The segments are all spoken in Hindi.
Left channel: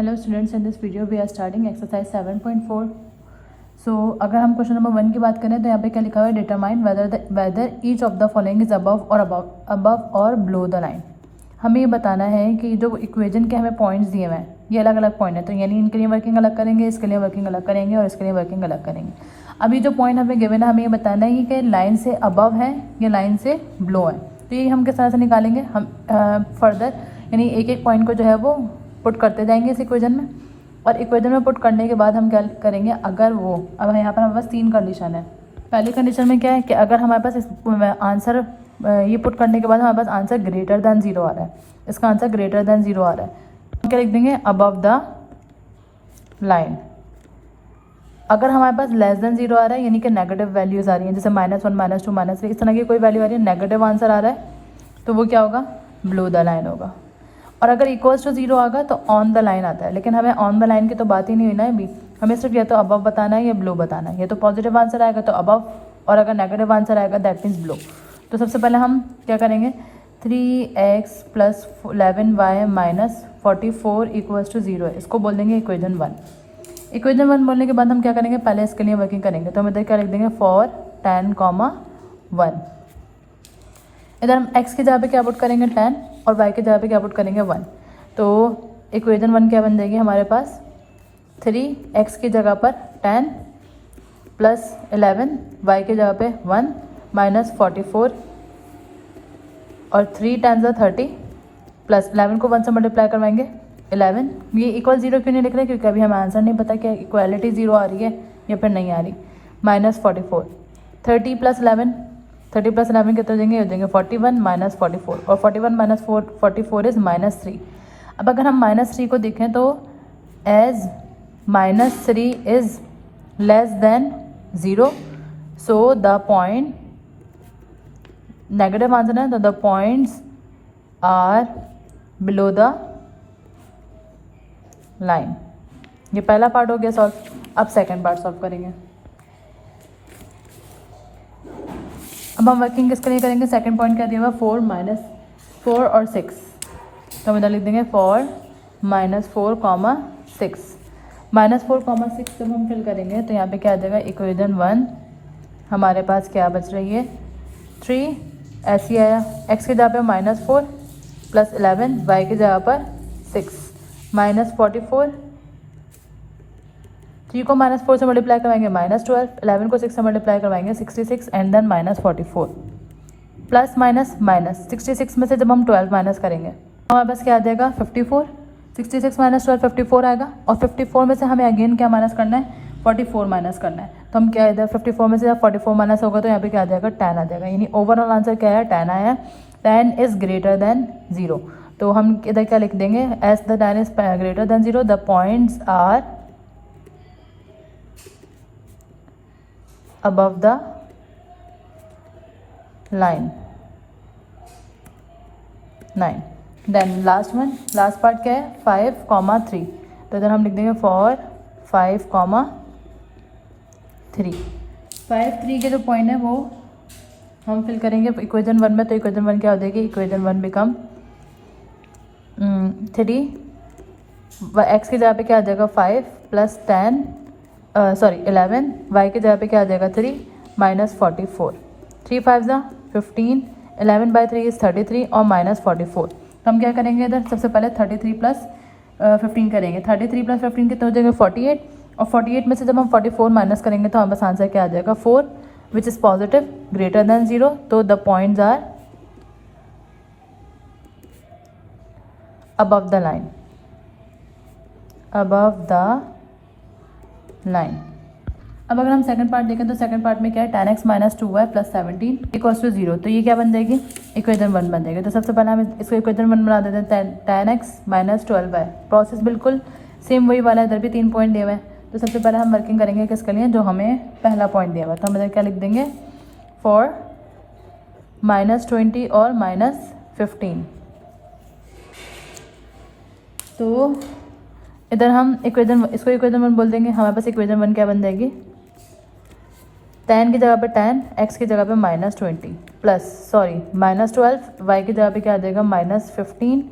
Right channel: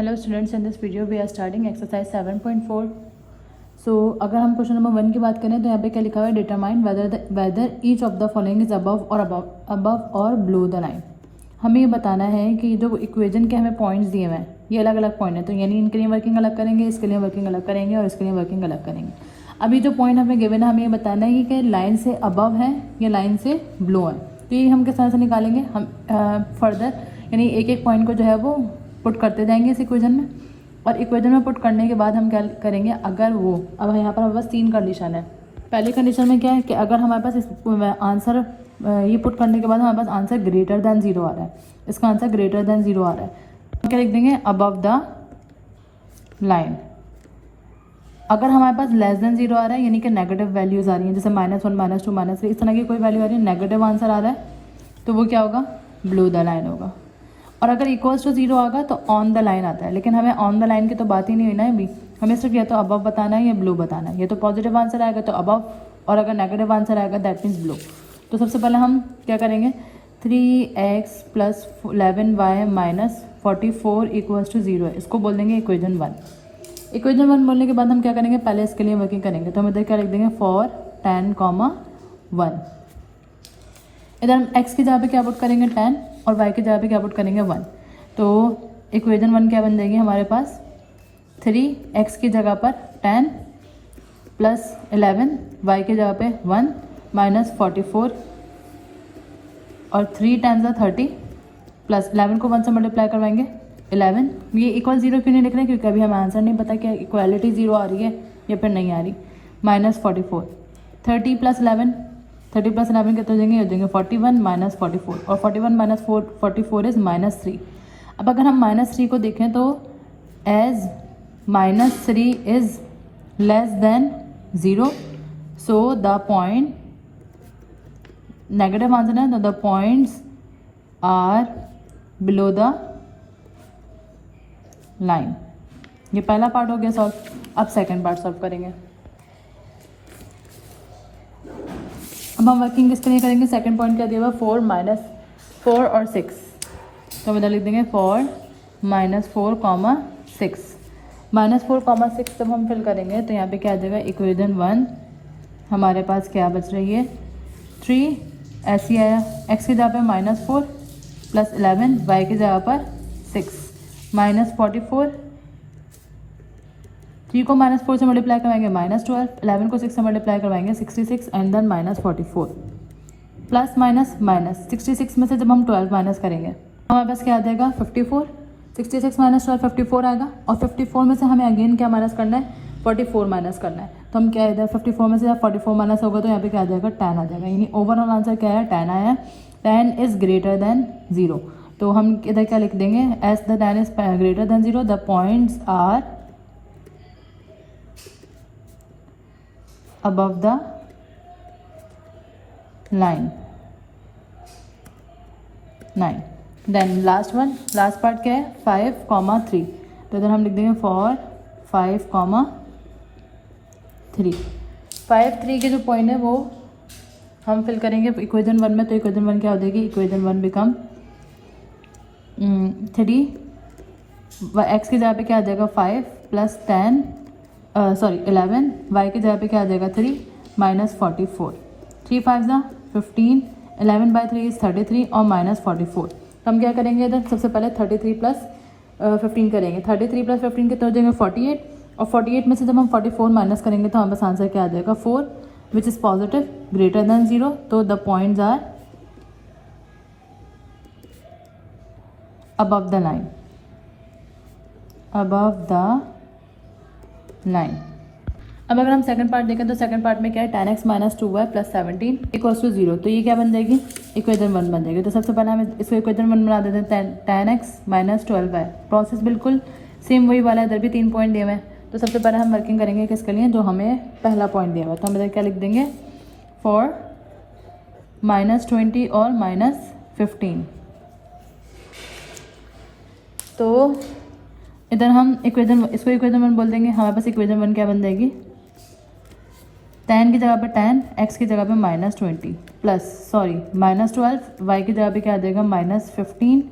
Hello students, in this video we are starting exercise 7.4. So अगर हम क्वेश्चन नंबर 1 की बात करें तो यहाँ पे क्या लिखा हुआ है, determine whether each of the following is above और बिलो द लाइन। हमें ये बताना है कि जो इक्वेशन के हमें पॉइंट्स दिए हुए हैं ये अलग अलग पॉइंट है, तो यानी इनके लिए वर्किंग अलग करेंगे, इसके लिए वर्किंग अलग करेंगे और इसके लिए वर्किंग अलग करेंगे। अभी जो पॉइंट हमें गिवन है हमें ये बताना है कि लाइन से अबव है या लाइन से बिलो है, तो ये हम किस तरह से निकालेंगे। हम फर्दर यानी एक एक पॉइंट को जो है वो पुट करते जाएंगे इस इक्वेशन में, और इक्वेशन में पुट करने के बाद हम क्या करेंगे, अगर वो अब यहाँ पर हमारे पास 3 कंडीशन है। पहली कंडीशन में क्या है कि अगर हमारे पास आंसर ये पुट करने के बाद हमारे पास आंसर ग्रेटर दैन 0 आ रहा है, इसका आंसर ग्रेटर दैन 0 आ रहा है, तो क्या लिख देंगे, अबव द लाइन। अगर हमारे पास लेस देन 0 आ रहा है यानी कि नेगेटिव वैल्यूज आ रही हैं, जैसे -1 -2 -3 इस तरह की कोई वैल्यू आ रही है, नेगेटिव आंसर आ रहा है, तो वो क्या होगा, बिलो द लाइन होगा। और अगर इक्वल्स टू 0 आएगा तो ऑन द लाइन आता है, लेकिन हमें ऑन द लाइन की तो बात ही नहीं हुई ना अभी, हमें सिर्फ या तो अबव बताना है या बिलो बताना है। ये तो पॉजिटिव आंसर आएगा तो अबव, और अगर नेगेटिव आंसर आएगा दैट मीन्स बिलो। तो सबसे पहले हम क्या करेंगे, 3x + 11y - 44 = 0 है, इसको बोल देंगे इक्वेशन 1। इक्वेशन 1 बोलने के बाद हम क्या करेंगे, पहले इसके लिए वर्किंग करेंगे, तो हम इधर क्या लिख देंगे, फॉर 10, 1। इधर हम x की जगह पे क्या पुट करेंगे 10 और y की जगह पे क्या पुट करेंगे 1। तो इक्वेशन 1 क्या बन जाएगी हमारे पास, 3x की जगह पर 10 + 11 y की जगह पे 1 - 44 और 3 10 × 30 + 11 को 1 से मल्टीप्लाई करवाएंगे 11। ये इक्वल 0 क्यों नहीं लिख रहे, क्योंकि अभी हमें आंसर नहीं पता क्या इक्वालिटी 0 आ रही है या फिर नहीं आ रही। -44 30 + 11 कितने देंगे, हो जाएंगे 41 - 44 और 41 - 44 इज -3। अब अगर हम -3 को देखें तो as -3 is less than 0, so the point negative answer है, तो the points are below the line. ये पहला पार्ट हो गया सॉल्व। अब सेकेंड पार्ट सॉल्व करेंगे। अब हम वर्किंग किसके लिए करेंगे, सेकंड पॉइंट क्या दिया हुआ, 4 और 6, तो हम इधर लिख देंगे 4 - 4, 6 -4, 6 जब हम फिल करेंगे तो यहाँ पे क्या आ जाएगा, इक्वेशन 1 हमारे पास क्या बच रही है, 3 ऐसी आया, x की जगह पे -4 + 11 y की जगह पर 6 -44, 3 को -4 से मल्टीप्लाई करवाएंगे -12, 11 को 6 से मल्टीप्लाई करवाएंगे 66 एंड देन -44 प्लस माइनस 66 में से जब हम 12 माइनस करेंगे हमारे पास क्या आ जाएगा 54। 66 - 12 54 आएगा, और 54 में से हमें अगेन क्या माइनस करना है, 44 माइनस करना है। तो हम क्या इधर 54 में से जब 44 माइनस होगा तो यहाँ पे क्या आ जाएगा, 10 आ जाएगा, यानी ओवरऑल आंसर क्या है, 10 आया। 10 इज ग्रेटर देन 0, तो हम इधर क्या लिख देंगे, as the 10 is greater than 0 the points are above the line 9। Then last part क्या है, 5, 3, तो इधर हम लिख देंगे फॉर 5, 3। 5, 3 के जो पॉइंट है वो हम फिल करेंगे इक्वेशन 1 में, तो इक्वेशन 1 क्या हो जाएगी, इक्वेशन 1 बिकम 3 x की जगह पे क्या आ जाएगा 5 + 10 11 y की जगह पे क्या आ जाएगा 3 - 44, 3 5 = 15, 11/3 इज 33 और -44। हम क्या करेंगे इधर, सबसे पहले 33 + 15 करेंगे, 33 + 15 कितने हो जाएंगे 48, और 48 में से जब हम 44 माइनस करेंगे तो हमारे पास आंसर क्या आ जाएगा 4 which is positive greater than 0, तो the points are above the line। अब अगर हम सेकंड पार्ट देखें तो सेकंड पार्ट में क्या है, 10x - 2y + 17 = 0, तो ये क्या बन जाएगी, इक्वेशन 1 बन जाएगी। तो सबसे पहले हम इसको इक्वेशन 1 बना देते हैं, 10x - 12y। प्रोसेस बिल्कुल सेम वही वाला है, इधर भी 3 पॉइंट दिए हुए हैं। तो सबसे पहले हम वर्किंग करेंगे किसके लिए, जो हमें पहला पॉइंट दिया हुआ है, तो हम इधर क्या लिख देंगे, फॉर -20 और -15। तो इधर हम इसको इक्वेशन 1 बोल देंगे, हमारे पास इक्वेशन 1 क्या बन जाएगी, 10 की जगह पे 10, x की जगह पे -20 -12, y की जगह पे क्या आ जाएगा -15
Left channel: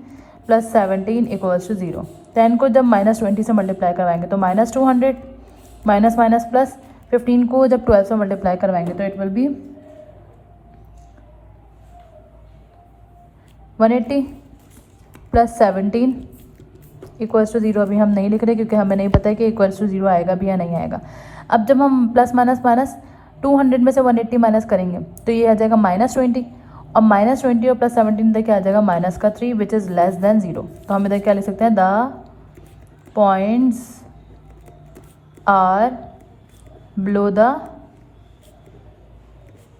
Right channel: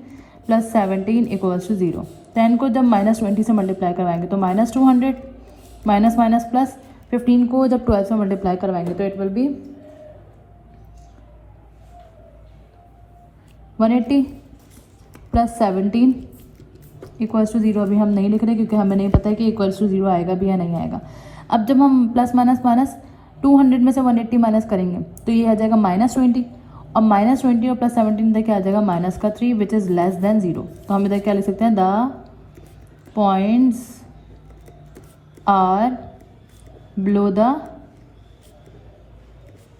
+ 17 = 0। 10 को जब -20 से मल्टीप्लाई करवाएंगे तो -200, माइनस माइनस प्लस, 15 को जब 12 से मल्टीप्लाई करवाएंगे तो it will be 180 plus 17 equals to 0। अभी हम नहीं लिख रहे क्योंकि हमें नहीं पता है कि इक्वल्स टू 0 आएगा भी या नहीं आएगा। अब जब हम प्लस माइनस माइनस 200 में से 180 माइनस करेंगे तो ये आ जाएगा -20, और -20 और प्लस 17 इधर क्या आ जाएगा -3 विच इज़ लेस देन 0। तो हम इधर क्या लिख सकते हैं, the points are below the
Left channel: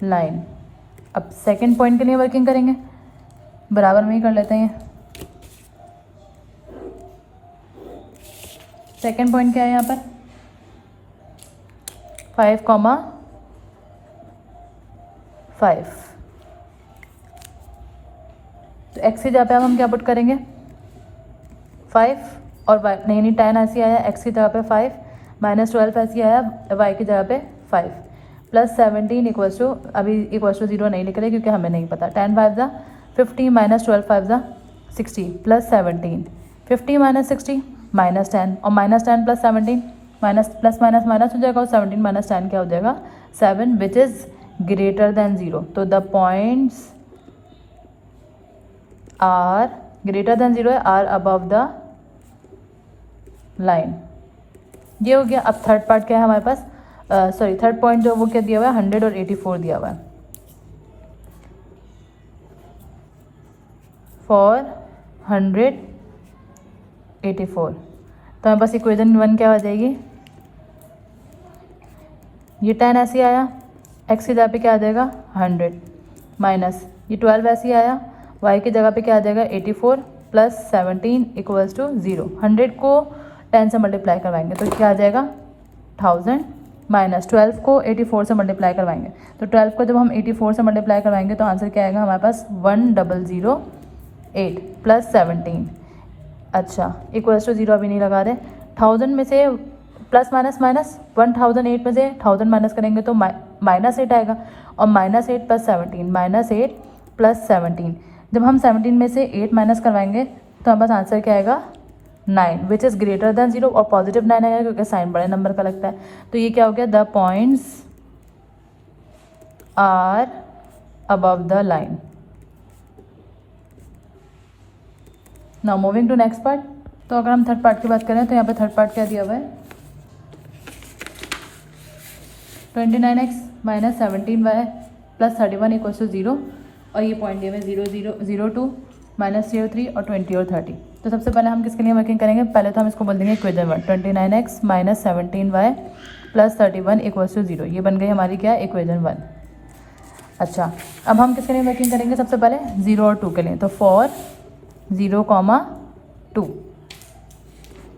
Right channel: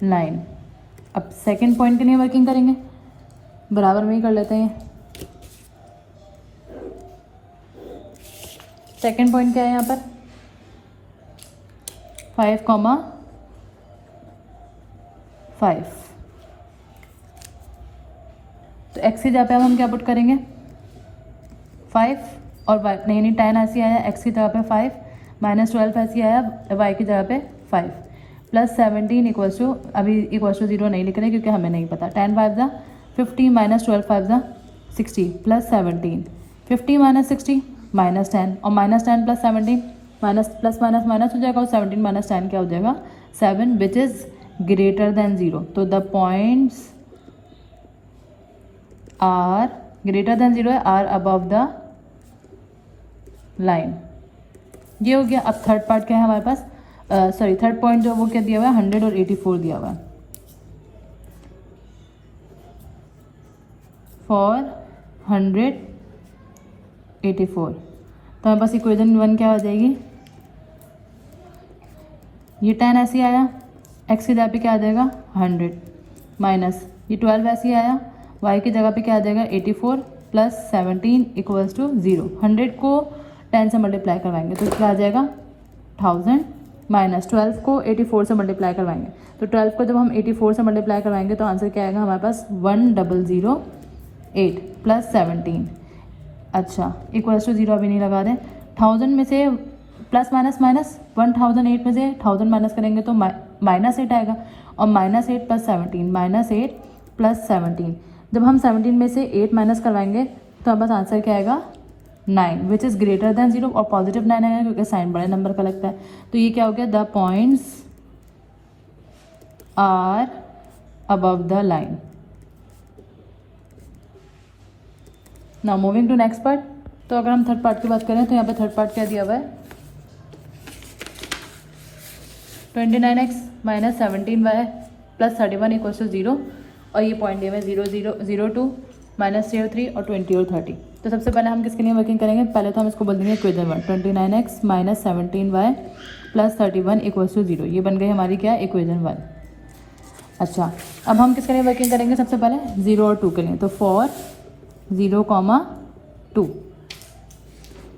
line. अब सेकेंड पॉइंट के लिए वर्किंग करेंगे, बराबर में ही कर लेते हैं। सेकेंड पॉइंट क्या है यहाँ पर 5,5। तो एक्स की जगह पे अब हम क्या पुट करेंगे 5 और वाई नहीं 10 ऐसी आया, एक्स की जगह पे 5 -12 ऐसी आया, वाई की जगह पे 5 प्लस 17 इक्वल्स टू, अभी इक्वल्स टू 0 नहीं लिख रहे क्योंकि हमें नहीं पता। 10 5 ज़ा 50 -12 5 ज़ा 60 प्लस 17, 50 - 60 -10 और -10 plus 17 minus plus minus minus हो जाएगा और 17 - 10 क्या हो जाएगा 7 विच इज़ ग्रेटर देन 0। तो the points are greater than 0 है, आर अबव द लाइन। ये हो गया। अब थर्ड पार्ट क्या है हमारे पास, सॉरी थर्ड पॉइंट जो वो क्या दिया हुआ है 100 और 84 दिया हुआ है। फॉर 184 तो हमारे पास इक्वेशन 1 क्या हो जाएगी, ये 10 ऐसे आया, एक्स की जगह पे क्या आ जाएगा 100 माइनस ये 12 ऐसे आया, वाई की जगह पे क्या आ जाएगा 84 प्लस 17 इक्वल्स टू 0। 100 को 10 से मल्टीप्लाई करवाएंगे तो क्या आ जाएगा 1000 माइनस 12 को 84 से मल्टीप्लाई करवाएंगे तो 12 को जब हम 84 से मल्टीप्लाई करवाएंगे तो आंसर क्या आएगा हमारे पास 1008 प्लस 17। अच्छा इक्वल्स टू 0 अभी नहीं लगा रहे। 1000 में से प्लस माइनस माइनस 1008 में से 1000 माइनस करेंगे तो -8 आएगा, और -8 प्लस 17 -8 प्लस 17। जब हम 17 में से 8 माइनस करवाएंगे तो हमारे पास आंसर क्या आएगा 9 विच इज़ ग्रेटर देन 0 और पॉजिटिव 9 आएगा क्योंकि साइन बड़े नंबर का लगता है। तो ये क्या हो गया, the points are above the line. Now moving to next part. तो अगर हम थर्ड पार्ट की बात करें तो यहाँ पे थर्ड पार्ट क्या दिया हुआ है 29x minus 17y plus 31 equals to 0, और ये पॉइंट दिए हुए 0 0 0 2 -3 और 3 और 20 और 30। तो सबसे पहले हम किसके लिए वर्किंग करेंगे, पहले तो हम इसको बोल देंगे equation 1 29x minus 17y plus 31 equals to 0। ये बन गई हमारी क्या इक्वेशन 1। अच्छा अब हम किसके लिए वर्किंग करेंगे, सबसे पहले 0 और 2 के लिए। तो फॉर 0, 2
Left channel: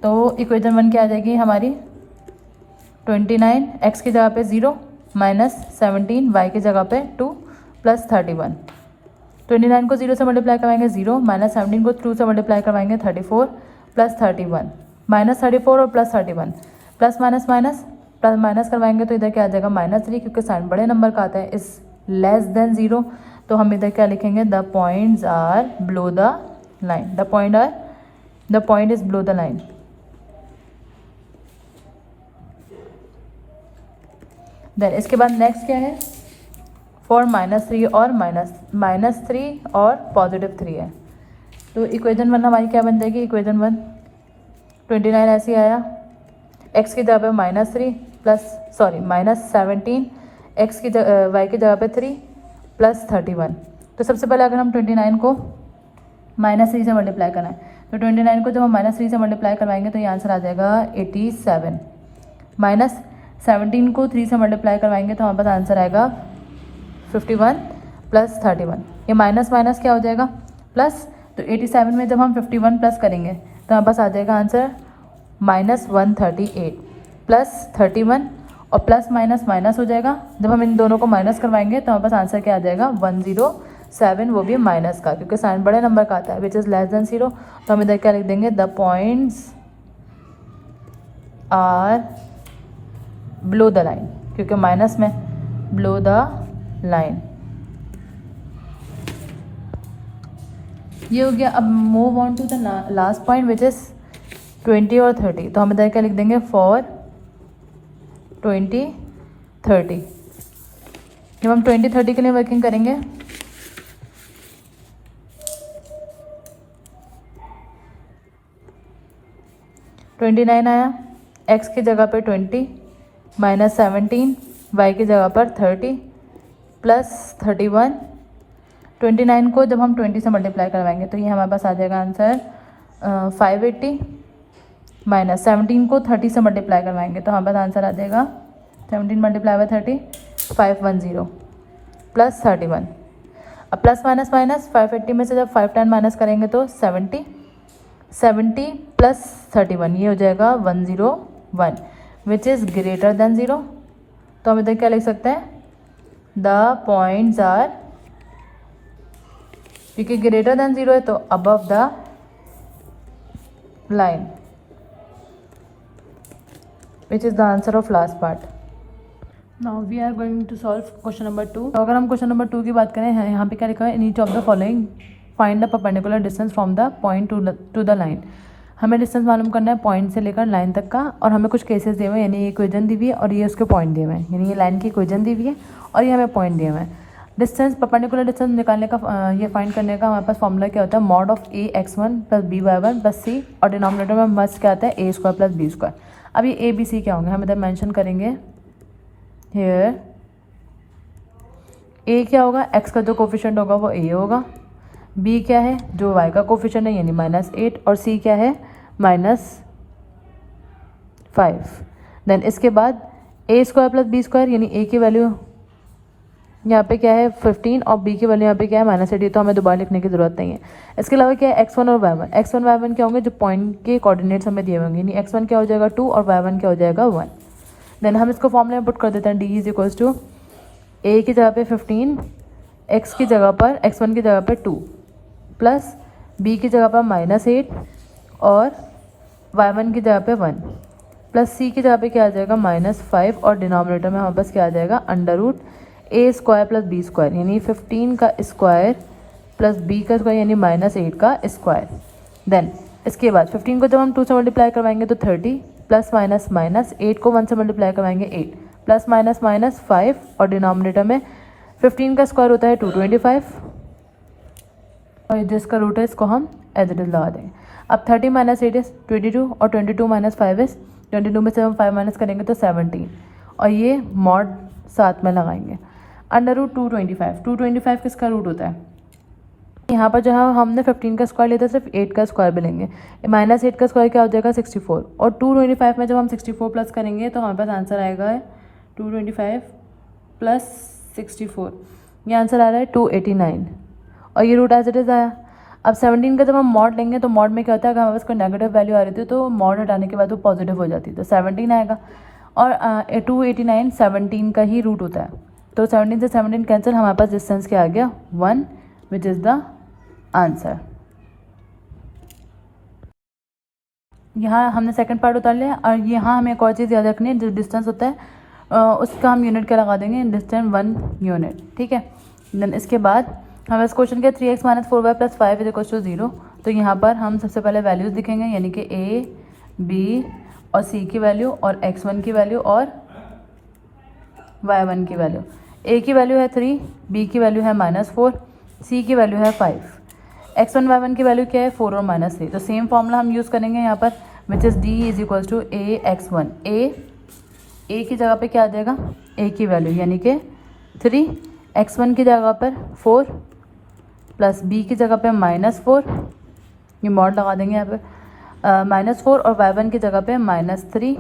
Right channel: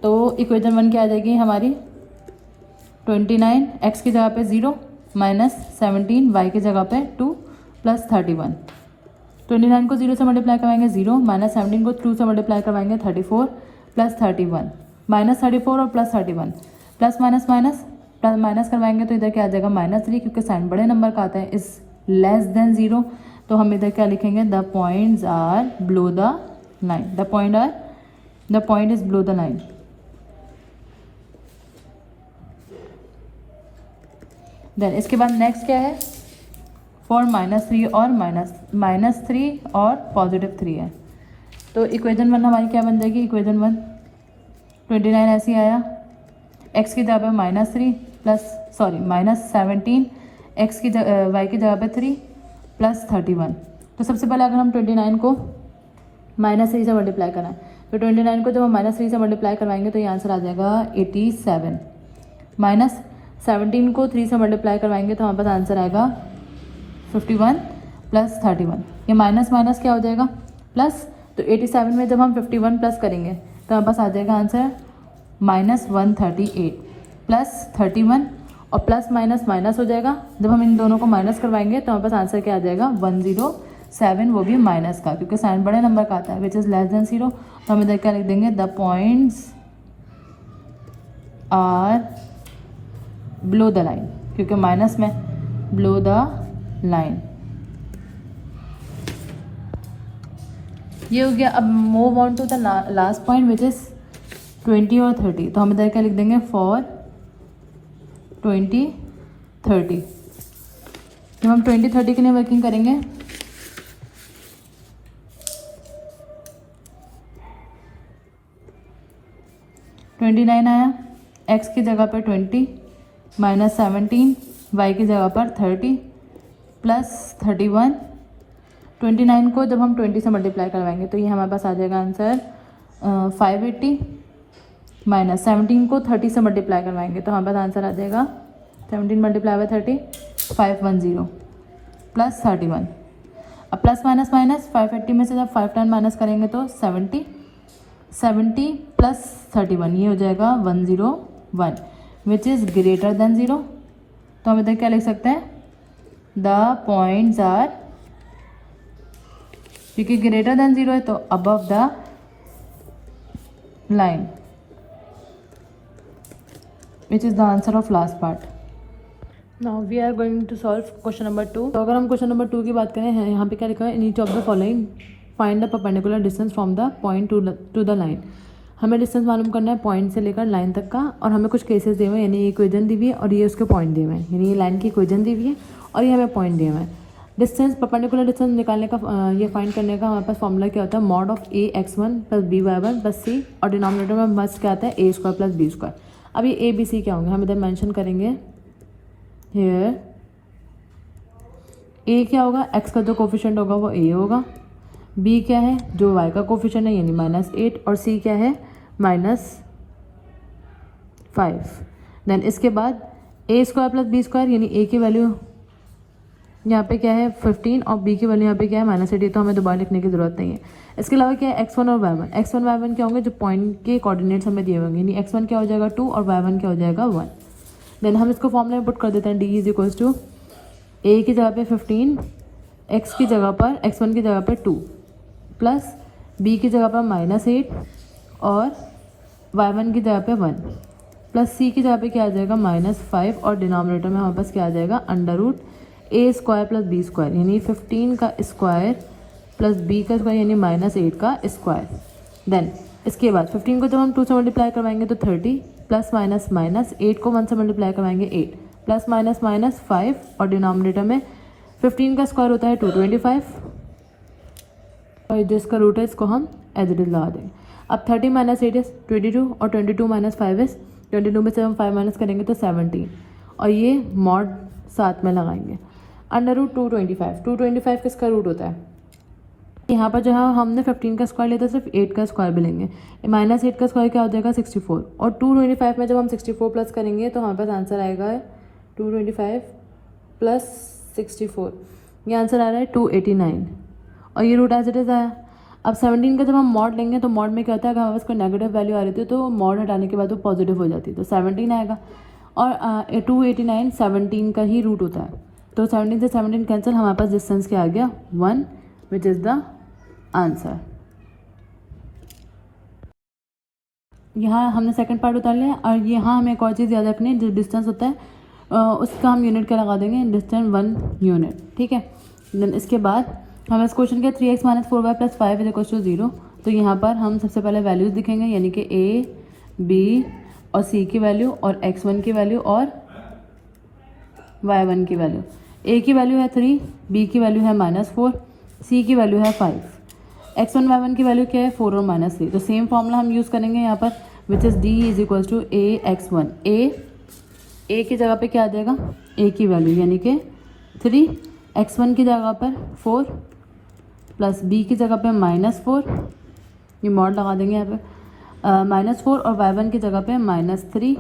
तो इक्वेशन 1 क्या आ जाएगी हमारी 29 एक्स की जगह पे 0 माइनस 17 वाई की जगह पे 2 प्लस 31। 29 को 0 से मल्टीप्लाई करवाएंगे 0 माइनस 17 को 2 से मल्टीप्लाई करवाएंगे 34 प्लस 31 माइनस 34 और plus 31 plus minus minus plus minus करवाएंगे तो इधर क्या आ जाएगा -3 क्योंकि साइन बड़े नंबर का आता है, इज लेस देन 0। तो हम इधर क्या लिखेंगे, the points are below the line. The point is below the line. Then इसके बाद नेक्स्ट क्या है, फॉर -3 और -3 और +3 है। तो इक्वेशन 1 हमारी क्या बन जाएगी, इक्वेशन 1 29 ऐसे आया, एक्स की जगह पे -3 प्लस सॉरी -17 एक्स की वाई की जगह पे 3 प्लस 31। तो सबसे पहले अगर हम 29 को -3 से मल्टीप्लाई कराएं तो 29 को जब हम -3 से मल्टीप्लाई करवाएंगे तो ये आंसर आ जाएगा 87 माइनस 17 को 3 से मल्टीप्लाई करवाएंगे तो हमारे पास आंसर आएगा 51 प्लस 31। ये माइनस माइनस क्या हो जाएगा प्लस। तो 87 में जब हम 51 प्लस करेंगे तो हमारे पास आ जाएगा आंसर -138 प्लस 31, और प्लस माइनस माइनस हो जाएगा। जब हम इन दोनों को माइनस करवाएंगे तो हमारे पास आंसर क्या आ जाएगा 107, वो भी माइनस का क्योंकि साइन बड़े नंबर का आता है विच इज़ लेस देन 0। तो हम इधर क्या लिख देंगे, the points are below the line, क्योंकि माइनस में बिलो द लाइन। ये हो गया। अब move on to the last point which is 20 और 30, तो हम इधर क्या लिख देंगे, फॉर 20 30। जब हम 20 30 के लिए वर्किंग करेंगे, $29 आया, x की जगह पे 20 माइनस 17, y की जगह पर 30 प्लस 31। 29 को जब हम 20 से मल्टीप्लाई करवाएंगे तो ये हमारे पास आ जाएगा आंसर 580, माइनस 17 को 30 से मल्टीप्लाई करवाएंगे तो हमारे पास आंसर आ जाएगा 17 मल्टीप्लाई बाय 30 510 प्लस 31। अब प्लस माइनस माइनस 580 में से जब 510 माइनस करेंगे तो 70 प्लस 31, ये हो जाएगा 101 विच इज़ ग्रेटर देन 0। तो हम इधर क्या लिख सकते हैं, द पॉइंट्स आर, क्योंकि ग्रेटर देन 0 है तो above the line, which is the answer of last part. Now we are going to solve question number 2। तो अगर हम क्वेश्चन नंबर 2 की बात करें, यहाँ पे क्या लिखा है, in each of the following find the perpendicular distance from the point two the line. हमें डिस्टेंस मालूम करना है पॉइंट से लेकर लाइन तक का, और हमें कुछ केसेस दिए हुए हैं, यानी ये इक्वेशन दी हुई है और ये उसके पॉइंट दिए हुए हैं, यानी ये लाइन की इक्वेशन दी हुई है और ये हमें पॉइंट दिए हुए हैं। डिस्टेंस, परपेंडिकुलर डिस्टेंस निकालने का, ये फाइंड करने का हमारे पास फॉर्मूला क्या होता है, mod of a x1 plus b y1 plus c, और डिनोमिनेटर में मस्ट क्या आता है, a square plus B square. अब ये ए बी सी क्या होंगे, हम इधर मेंशन करेंगे हियर। ए क्या होगा, x का जो कोफिशिएंट होगा वो a होगा, b क्या है, जो y का कोफिशिएंट है यानी -8, और c क्या है, -5। देन इसके बाद a square plus B square, यानी a की वैल्यू यहाँ पे क्या है 15 और b की वैल्यू यहाँ पे क्या है -8, तो हमें दोबारा लिखने की जरूरत नहीं है। इसके अलावा क्या है x1 और y1, x1 y1 क्या होंगे, जो पॉइंट के कोऑर्डिनेट्स हमें दिए होंगे, यानी x1 क्या हो जाएगा 2 और y1 क्या हो जाएगा 1। देन हम इसको फॉर्मूले में पुट कर देते हैं, d is equals to a की जगह पे 15, x की जगह पर, x1 की जगह पर 2 प्लस b की जगह पर -8 और y1 की जगह पे 1 प्लस c की जगह पे क्या आ जाएगा -5, और डिनोमिनेटर में हमारे पास क्या आ जाएगा अंडर रूट ए स्क्वायर प्लस बी स्क्वायर, यानी 15 का स्क्वायर प्लस b का स्क्वायर यानी -8 का स्क्वायर। देन इसके बाद 15 को जब हम 2 से मल्टीप्लाई करवाएंगे तो 30 प्लस माइनस माइनस 8 को 1 से मल्टीप्लाई करवाएंगे 8 प्लस माइनस माइनस 5, और डिनोमिनेटर में 15 का स्क्वायर होता है 225 और जिसका रूट है इसको हम एज इट इज लगा देंगे। अब 30 माइनस 8 इज 22 और 22 माइनस 5 इज 22 में से हम 5 माइनस करेंगे तो 17, और ये मॉड साथ में लगाएंगे अंडर रूट 225 किसका रूट होता है, यहाँ पर जो है हमने 15 का स्क्वायर लिया था, सिर्फ 8 का स्क्वायर भी लेंगे, -8 का स्क्वायर क्या हो जाएगा 64, और 225 में जब हम 64 प्लस करेंगे तो हमारे पास आंसर आएगा 225 प्लस 64, ये आंसर आ रहा है 289, और ये रूट एज इट इज आया। अब 17 का जब हम मॉड लेंगे तो मॉड में क्या होता है, अगर हमारे पास कोई नेगेटिव वैल्यू आ रही थी तो मॉड हटाने के बाद वो पॉजिटिव हो जाती है, तो 17 आएगा, और 289 17 का ही रूट होता है, तो 17 से 17 कैंसिल, हमारे पास डिस्टेंस क्या आ गया 1 विच इज़ द आंसर। यहाँ हमने सेकंड पार्ट उतार लिया, और यहाँ हमें एक और चीज़ याद रखनी है, जो डिस्टेंस होता है उसका हम यूनिट क्या लगा देंगे, डिस्टेंस 1 यूनिट, ठीक है। देन इसके बाद हमें इस क्वेश्चन के 3x - 4y + 5 = 0, तो यहाँ पर हम सबसे पहले वैल्यूज़ दिखेंगे, यानी कि a, b और c की वैल्यू, और x1 की वैल्यू और y1 की वैल्यू। a की वैल्यू है 3, b की वैल्यू है -4, c की वैल्यू है 5, x1 y1 की वैल्यू क्या है 4 और -3, तो सेम फॉर्मूला हम यूज़ करेंगे यहाँ पर, which is d = ax1। a की जगह पे क्या आ जाएगा, a की वैल्यू यानी कि 3, x1 की जगह पर 4 प्लस b की जगह पे -4, ये मॉड लगा देंगे यहाँ पर, -4, और y1 की जगह पे -3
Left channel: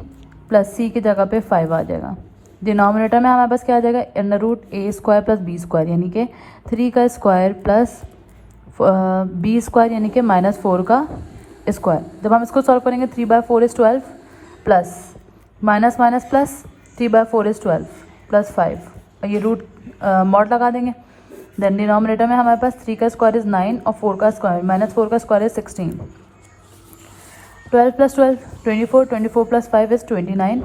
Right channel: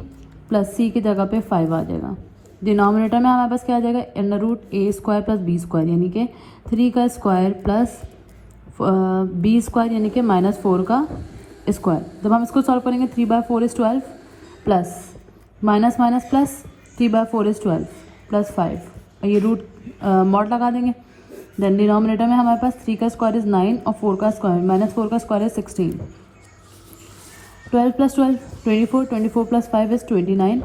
प्लस c की जगह पे 5 आ जाएगा। डिनोमिनेटर में हमारे पास क्या आ जाएगा under root a square plus b square, यानी कि 3 का स्क्वायर प्लस b स्क्वायर यानी कि -4 का स्क्वायर। जब हम इसको सॉल्व करेंगे 3/4 = 12 plus minus minus plus 3/4 = 12 plus 5, और ये रूट मॉड लगा देंगे। देन डिनोमिनेटर में हमारे पास 3 का स्क्वायर इज 9 और 4 का स्क्वायर -4 का स्क्वायर इज 16, 12 + 12 24, 24 + 5 इज 29,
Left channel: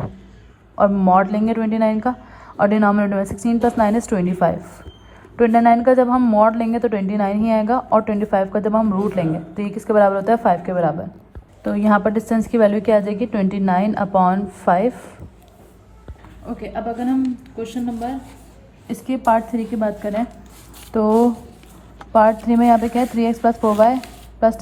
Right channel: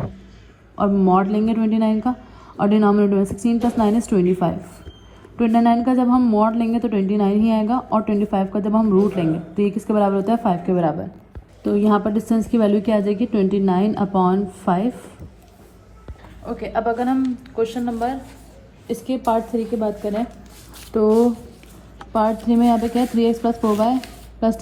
और मॉड लेंगे 29 का, और डिनोमिनेटर में 16 + 9 इज 25। 29 का जब हम मॉड लेंगे तो 29 ही आएगा, और 25 का जब हम रूट लेंगे तो ये किसके बराबर होता है 5 के बराबर। तो यहाँ पर डिस्टेंस की वैल्यू क्या आ जाएगी 29/5। ओके, अब अगर हम क्वेश्चन नंबर इसके पार्ट 3 की बात करें तो पार्ट 3 में यहाँ पे क्या है 3x + 4y + 10 =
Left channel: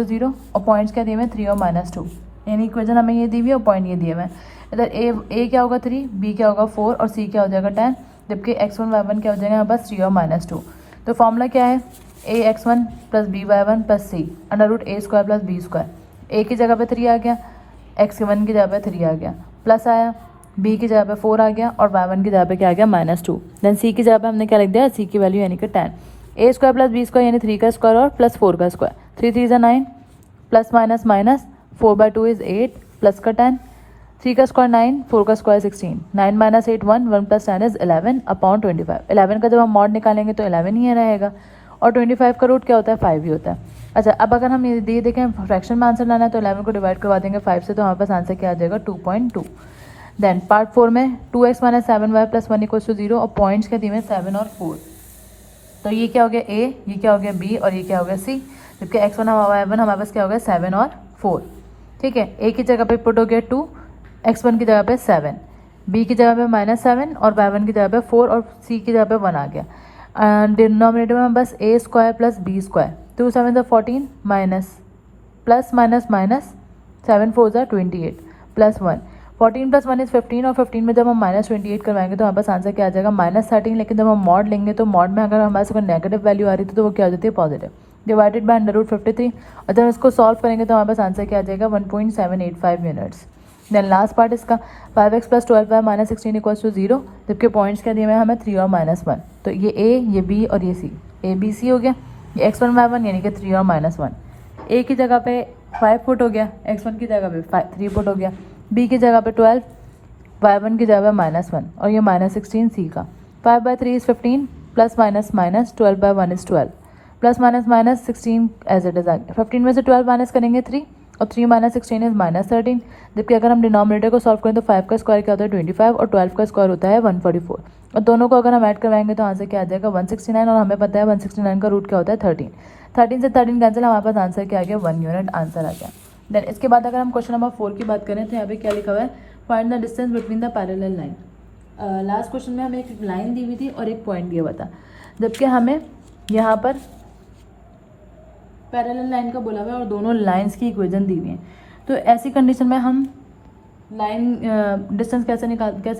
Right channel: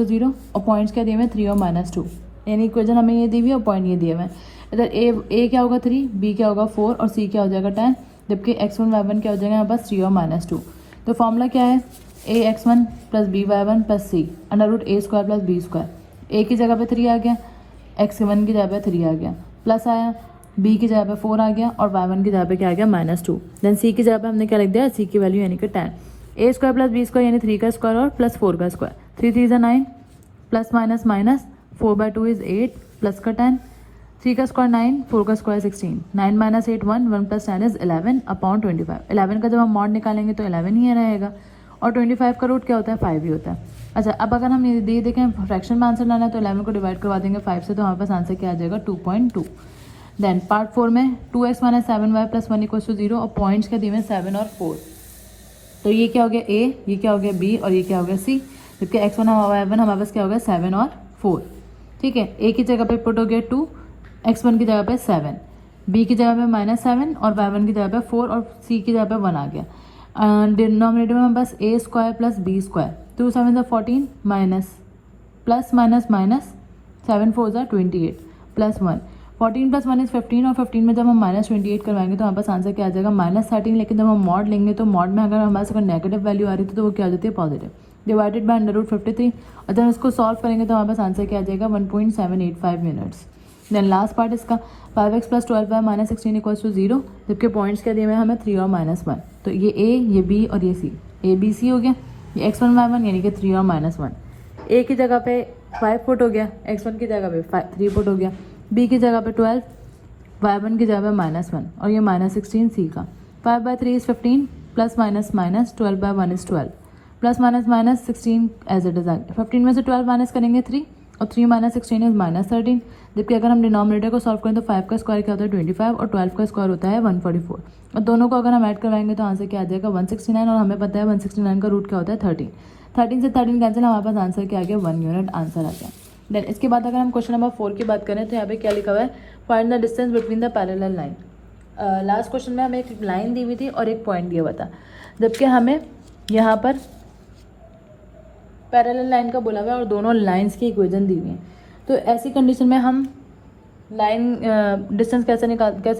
0 और पॉइंट्स क्या दिए हुए हैं 3 और -2, यानी इक्वेशन हमें ये दी हुई है और पॉइंट ये दिए हुए हैं। इधर a क्या होगा 3, b क्या होगा 4 और c क्या हो जाएगा 10, जबकि x1 y1 क्या हो जाएगा यहाँ पास 3 और -2। तो फॉर्मूला क्या है ax1 + by1 + c √a² + b²। a की जगह पे 3 आ गया, x1 की जगह पे 3 आ गया, प्लस आया, b की जगह पे 4 आ गया और y1 की जगह पे क्या आ गया -2। देन c की जगह पे हमने क्या लिख दिया, c की वैल्यू यानी कि 10, a² + b² यानी 3 का स्क्वायर और प्लस 4 का square, 3 3 = 9 plus minus minus 4/2 = 8 plus का 10, 3 का स्क्वायर 9, 4 का स्क्वायर 16, 9 - 8 1, 1 + 10 = 11/25। 11 का जब हम मॉड निकालेंगे तो 11 ही रहेगा और 25 का रूट क्या होता है 5 ही होता है। अच्छा, अब अगर हम ये देखें फ्रैक्शन में आंसर लाना है तो 11 को डिवाइड करवा देंगे 5 से, तो हमारे पास आंसर क्या आ जाएगा 2.2। देन पार्ट 4 में 2x - 7y + 1 = 0 और पॉइंट्स क्या दिए हुए 7 और 4। तो ये क्या हो गया a, ये क्या हो गया b और ये क्या हो गया c, जबकि x1 y1 हमारे पास क्या हो गया 7 और 4। ठीक है, a की जगह पे पुट हो गया 2, x1 की जगह पे 7, b की जगह पे -7 और y1 की जगह पे 4 और c की जगह पे 1 आ गया। डिनोमिनेटर में बस a² + b², 2 7 = 14 minus plus minus minus 7 4 = 28 plus 1, 14 + 1 = 15 और 15 में जब हम -28 करवाएंगे तो हमारे पास आंसर क्या आ जाएगा -13। लेकिन जब हम मॉड लेंगे तो मॉड में अगर हमारे से कोई नेगेटिव वैल्यू आ रही थी तो वो क्या हो जाती है पॉजिटिव, डिवाइडेड बाय √53 और जब इसको सॉल्व करेंगे तो हमारे पास आंसर क्या आ जाएगा 1.785 यूनिट्स। देन लास्ट पार्ट इसका 5x + 12y - 16 = 0, जबकि पॉइंट्स क्या दिए हुए हैं हमें 3 और -1। तो ये a, ये b और ये c, a b c हो गया। ये x1 y1 यानी कि 3 और -1, a की जगह पे 5 फुट हो गया, x1 की जगह पे 3 फुट हो गया, b की जगह पे 12, y1 की जगह पे -1 और ये -16 c का। 5/3 = 15 plus minus minus 12/1 = 12 plus minus minus 16 as it is. 15 में से 12 माइनस करेंगे 3 और 3 - 16 इज -13, जबकि अगर हम डिनोमिनेटर को सॉल्व करें तो 5 का स्क्वायर क्या होता है 25 और 12 का स्क्वायर होता है 144 और दोनों को अगर हम ऐड करवाएंगे तो आंसर क्या आ जाएगा 169 और हमें पता है 169 का रूट क्या होता है 13। 13 से 13 कैंसिल, हमारे पास आंसर क्या आ गया 1 यूनिट आंसर आ गया। देन इसके बाद अगर हम क्वेश्चन नंबर 4 की बात करें तो यहाँ पे क्या लिखा हुआ है find the distance between the parallel line. Last question में हमें एक लाइन दी हुई थी और एक पॉइंट दिया हुआ था, जबकि हमें यहाँ पर पैरेलल लाइन का बोला हुआ है और दोनों लाइंस की इक्वेशन दी हुई है। तो ऐसी कंडीशन में हम लाइन डिस्टेंस कैसे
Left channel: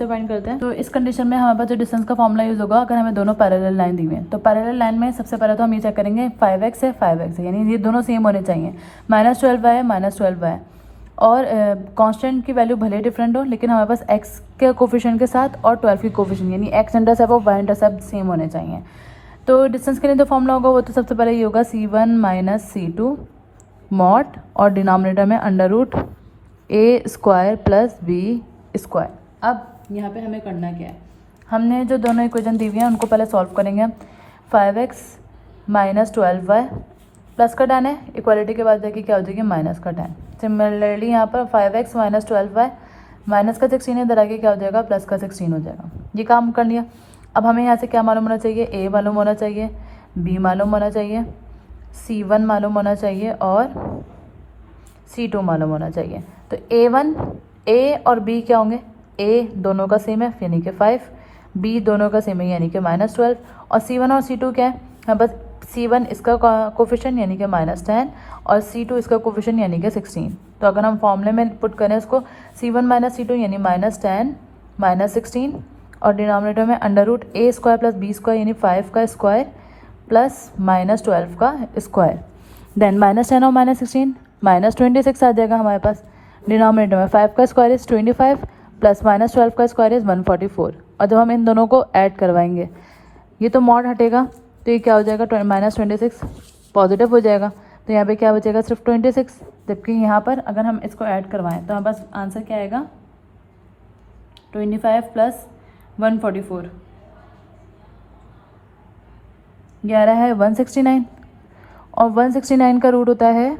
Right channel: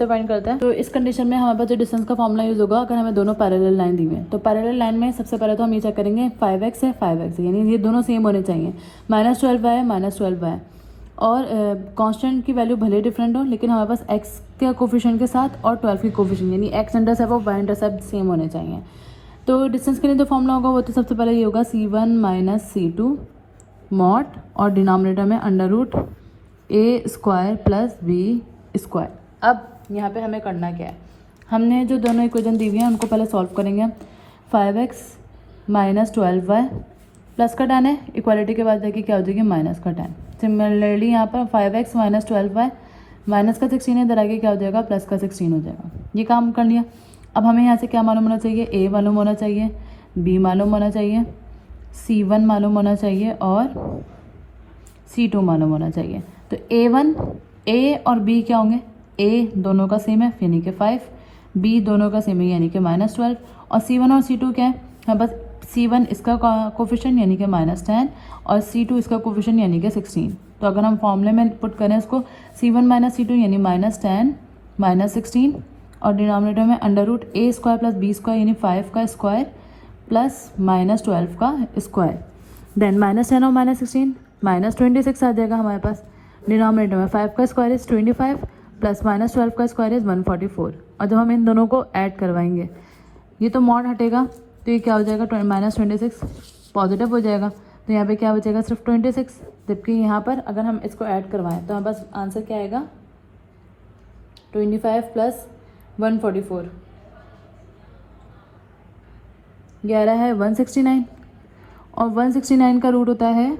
फाइंड करते हैं, तो इस कंडीशन में हमारे पास जो डिस्टेंस का फॉर्मूला यूज होगा अगर हमें दोनों पैरेलल लाइन दी हुई है। तो पैरेलल लाइन में सबसे पहले तो हम ये चेक करेंगे 5x है 5x है, यानी ये दोनों सेम होने चाहिए। -12y है -12y है और कांस्टेंट की वैल्यू भले डिफरेंट हो लेकिन हमारे पास x के कोफिशिएंट के साथ और 12 की कोफिशिएंट यानी x इंटरसेप्ट और y इंटरसेप्ट सेम होने चाहिए। तो डिस्टेंस के लिए जो फॉर्मूला होगा वो तो सबसे पहले ये होगा c1 - c2 मॉड और डिनोमिनेटर में √a² + b²। अब यहाँ पे हमें करना क्या है, हमने जो दोनों इक्वेशन दी हुई हैं उनको पहले सॉल्व करेंगे। 5x - 12y प्लस का 10 है, इक्वालिटी के बाद जाके क्या हो जाएगी -10। सिमिलरली यहाँ पर 5x - 12y माइनस का 16 है, इधर आगे क्या हो जाएगा प्लस का 16 हो जाएगा। ये काम कर लिया। अब हमें यहाँ से क्या मालूम होना चाहिए, a मालूम होना चाहिए, b मालूम होना चाहिए, c1 मालूम होना चाहिए और c2 मालूम होना चाहिए। तो a और b क्या होंगे, a दोनों का सेम है यानी कि 5, b दोनों का सेम है यानी कि -12 और c1 और c2 क्या है, हाँ बस c1 इसका कोफिशिएंट यानी कि -10 और c2 इसका कोफिशिएंट यानी कि 16। तो अगर हम फॉर्मूले में पुट करें उसको c1 - c2 यानी -10 - 16 और डिनोमिनेटर में √a² + b² यानी 5 का स्क्वायर प्लस -12 का स्क्वायर। देन -10 और -16 -26 आ जाएगा हमारे पास। डिनोमिनेटर में 5 का स्क्वायर इज 25 प्लस -12 का स्क्वायर इज 144 और जब हम इन दोनों को ऐड करवाएंगे ये तो मॉड हटेगा तो ये क्या हो जाएगा -26 पॉजिटिव हो जाएगा। तो यहाँ पे क्या बचेगा सिर्फ 26, जबकि यहाँ पर अगर हम इसको ऐड करवाएं तो हमारे पास आंसर क्या आएगा 25 प्लस 144, 11 है 169 और 169 का रूट होता है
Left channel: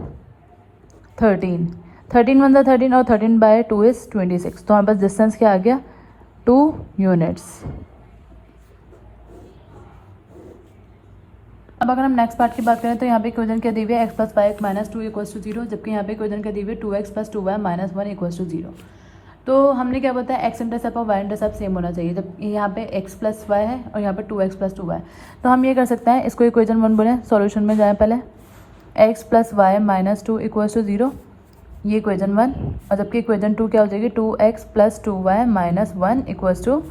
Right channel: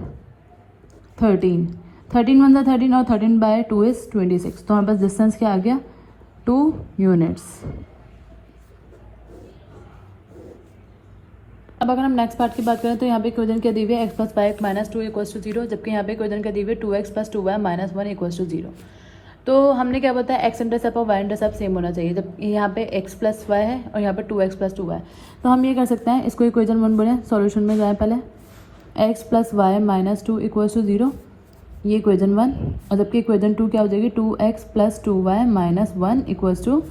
13 1 13 और 13/2 इज 26। तो हमारे पास डिस्टेंस क्या आ गया 2 यूनिट्स। अब अगर हम नेक्स्ट पार्ट की बात करें तो यहाँ पे इक्वेशन क्या दी हुई है x plus y minus 2 equals to 0, जबकि यहाँ पे इक्वेशन क्या दी हुई है 2x plus 2y minus 1 equals to 0। तो हमने क्या बताया एक्स इंटरसेप्ट और वाई इंटरसेप्ट सेम होना चाहिए, जब यहाँ पे x प्लस वाई है और यहाँ पे 2x प्लस 2y। तो हम ये कर सकते हैं, इसको इक्वेशन 1 बोले, सॉल्यूशन में जाए पहले, x plus y minus 2 equals to 0, ये इक्वेशन 1। और जबकि इक्वेशन 2 क्या हो जाएगी 2x plus 2y minus 1 equals to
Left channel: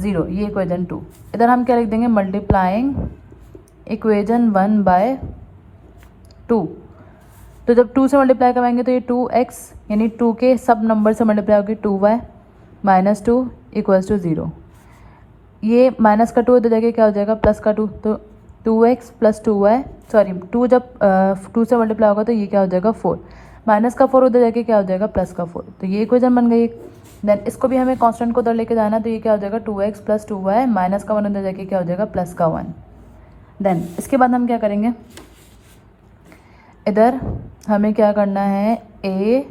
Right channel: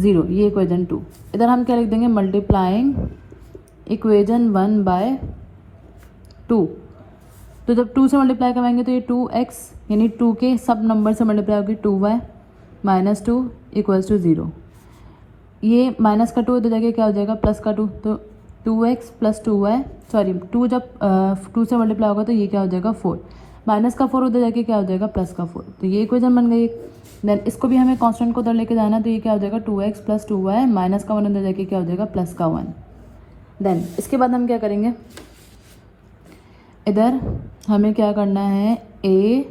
0, ये इक्वेशन 2। इधर हम क्या लिख देंगे, मल्टीप्लाइंग इक्वेशन 1 बाय 2। तो जब 2 से मल्टीप्लाई करवाएंगे तो ये 2x यानी 2 के सब नंबर से मल्टीप्लाई होगी 2y माइनस 2 इक्वल्स टू 0। ये माइनस का 2 इधर जाके क्या हो जाएगा प्लस का 2, तो 2x प्लस 2y, सॉरी 2 जब 2 से मल्टीप्लाई होगा तो ये क्या हो जाएगा 4, माइनस का 4 उधर जाके क्या हो जाएगा प्लस का 4, तो ये इक्वेशन बन गई। देन इसको भी हमें कांस्टेंट को उधर लेके जाना, तो ये क्या हो जाएगा 2x प्लस 2y माइनस का 1 उधर जाके क्या हो जाएगा प्लस का 1। देन इसके बाद हम क्या करेंगे, इधर हमें क्या करना है, a,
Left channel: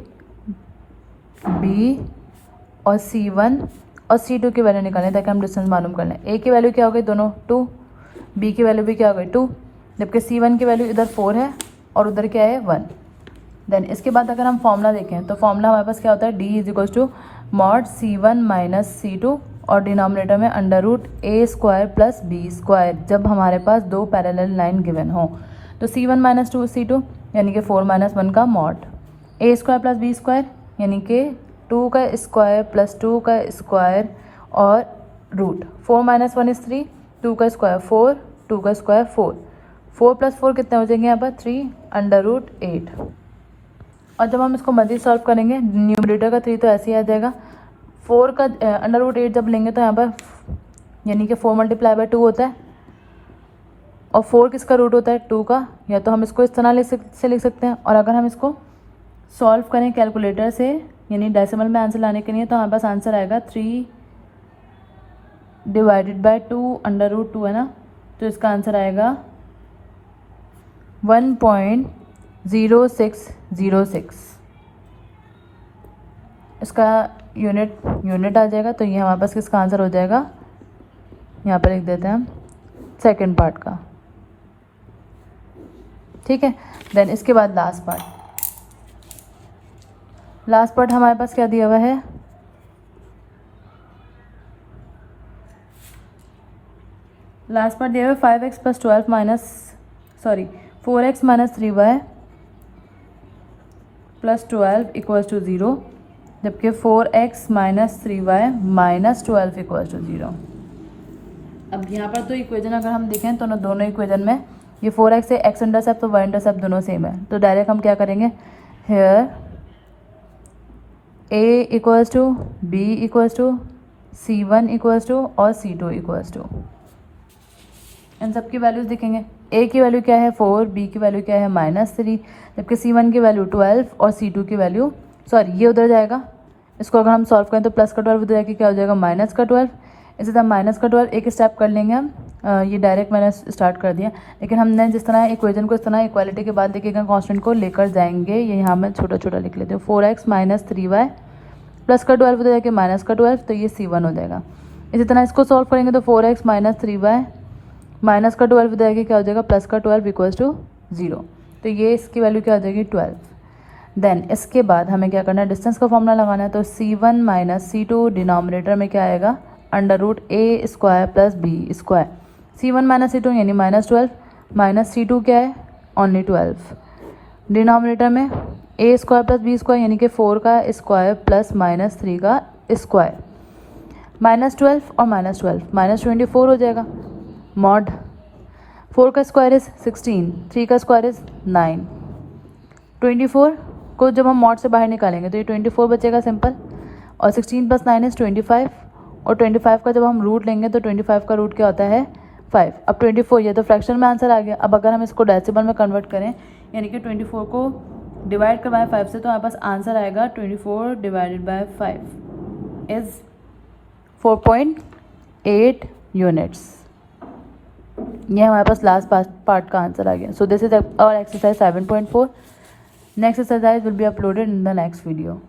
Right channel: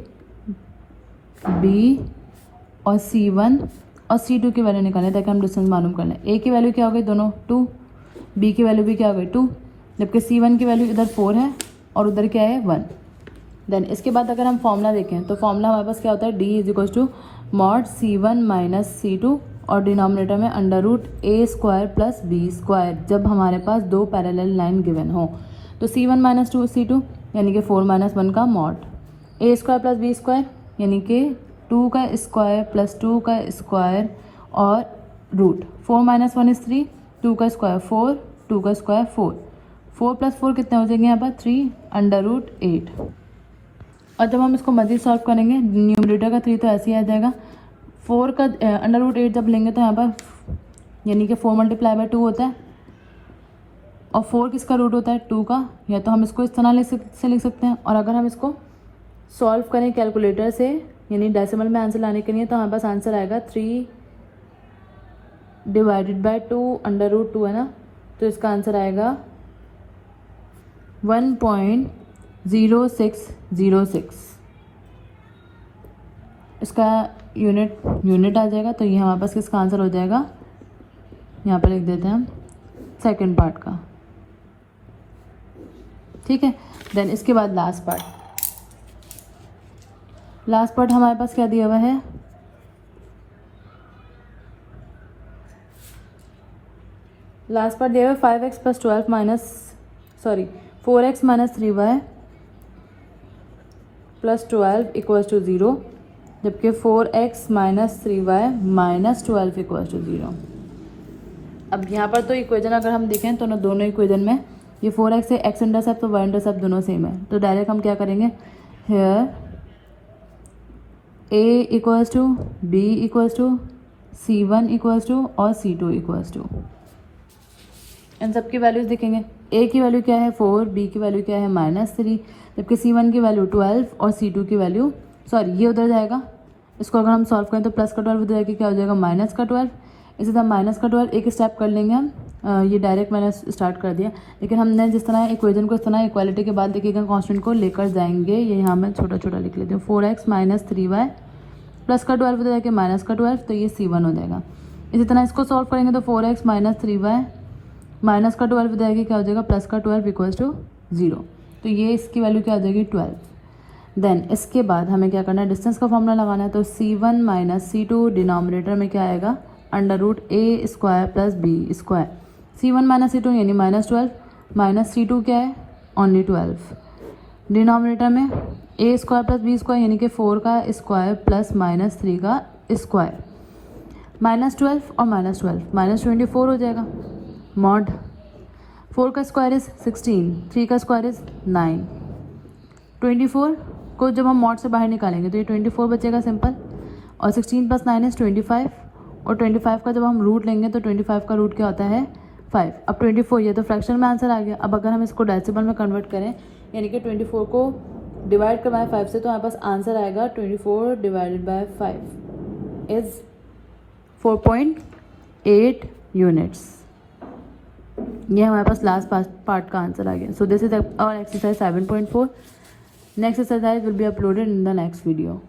b और c1 और c2 की वैल्यू निकालें ताकि हम डिस्टेंस मालूम कर लें। a की वैल्यू क्या हो गई दोनों 2, b की वैल्यू भी क्या हो गई 2, जबकि c1 की वैल्यू इधर 4 है और उधर क्या है 1। देन इसके बाद अगर हम फॉर्मूला देखें तो फॉर्मूला हमारे पास क्या होता है, d is equal to mod c1 minus c2 और डिनोमिनेटर में under root a square plus b square, जब हमारे पास दो पैरेलल लाइन गिवन हो। तो c1 माइनस 2 c2 यानी कि 4 माइनस 1 का mod, a square plus b square यानी कि 2 का स्क्वायर प्लस 2 का स्क्वायर और रूट 4 माइनस 1 इज 3, 2 का स्क्वायर 4, 2 का स्क्वायर 4, 4 प्लस 4 कितने हो जाएंगे यहाँ पर 3 अंडर रूट 8। और जब हम इसको मजीद सॉल्व करेंगे, न्यूमरेटर का 3 तो ऐसे ही आ जाएगा, 4 का अंडर रूट 8 जब लेंगे तो यहाँ पर यानी कि 4 मल्टीप्लाई बाय 2 होता है और 4 किसका रूट होता है 2 का, या तो हम इसको इस तरह से लिख सकते हैं। और अगर हम इसको सॉल्व करें कैलकुलेटर से यानी डेसिमल में आंसर लाने के लिए, तो हमारे पास आंसर आएगा 3 डिवाइडेड बाय 2 अंडर रूट 2 है ना, तो इसका आंसर आएगा 1.0606। इसका यूनिट आ जाएगा, तो ये हमारे पास किसका आंसर हो जाएगा, यहाँ पर लिख देते हैं हम सेकेंड पार्ट का, ठीक है। देन इसके बाद लास्ट पार्ट हमारे पास क्या दिया हुआ है, लास्ट पार्ट दिया हुआ है 5x plus 12 minus 4x minus 3y plus 12 equals to 0, जबकि 4x minus 3y minus 12 equals to 0। अब यहाँ पर तो इक्वेशन अगर हम देखें तो दोनों इक्वेशन में ये 4x है, x इंटरसेप्ट तो y इंटरसेप्ट दोनों सेम है, तो डायरेक्ट हम क्या करेंगे, here a equals to b equals to c1 equals to और c2 इक्वल्स टू, इन सब की वैल्यूज दिखेंगे। a की वैल्यू क्या है 4, b की वैल्यू क्या है -3, जबकि c1 की वैल्यू 12 और c2 की वैल्यू ये उधर जाएगा, इसको अगर हम सॉल्व करें तो प्लस का 12 उधर जाके क्या हो जाएगा माइनस का 12, इसी तरह माइनस का 12 एक स्टेप कर लेंगे हम, ये डायरेक्ट मैंने स्टार्ट कर दिया, लेकिन हमने जिस तरह इक्वेशन को इस तरह इक्वालिटी के बाद देखिएगा कांस्टेंट को लेकर जाएंगे, ये यहाँ मैं छोटा छोटा लिख लेती हूँ, 4x माइनस 3y प्लस का 12 उधर जाके माइनस का 12, तो ये c1 हो जाएगा। इसी तरह इसको सॉल्व करेंगे तो 4x माइनस 3y माइनस का 12 उधर जाके क्या हो जाएगा प्लस का 12 इक्वल्स टू 0, तो ये इसकी वैल्यू क्या हो जाएगी 12। देन इसके बाद हमें क्या करना है, डिस्टेंस का फॉर्मूला लगाना है, तो c1 माइनस c2 डिनोमिनेटर में क्या आएगा under root a square plus b square, c1 minus c2 यानी माइनस 12 माइनस c2 क्या है ओनली 12, डिनोमिनेटर में a square plus b square यानी कि 4 का स्क्वायर प्लस माइनस 3 का स्क्वायर, माइनस 12 और माइनस 12 माइनस 24 हो जाएगा, मॉड 4 का स्क्वायर इज 16, 3 का स्क्वायर इज 9, 24 को जब हम मॉड से बाहर निकालेंगे तो ये 24 बचेगा सिंपल, और 16 प्लस 9 इज 25, और 25 का जब हम रूट लेंगे तो 25 का रूट क्या होता है 5। अब 24 ये तो फ्रैक्शन में आंसर आ गया। अब अगर हम इसको डेसिमल में कन्वर्ट करें यानी कि 24 को डिवाइड करवाएं 5 से, तो हमारे पास आंसर आएगा 24 डिवाइडेड बाय 5 इज 4.8 यूनिट्स। ये हमारे पास लास्ट पार्ट का आंसर आ गया। So this is our exercise 7.4. Next exercise will be uploaded in the next video.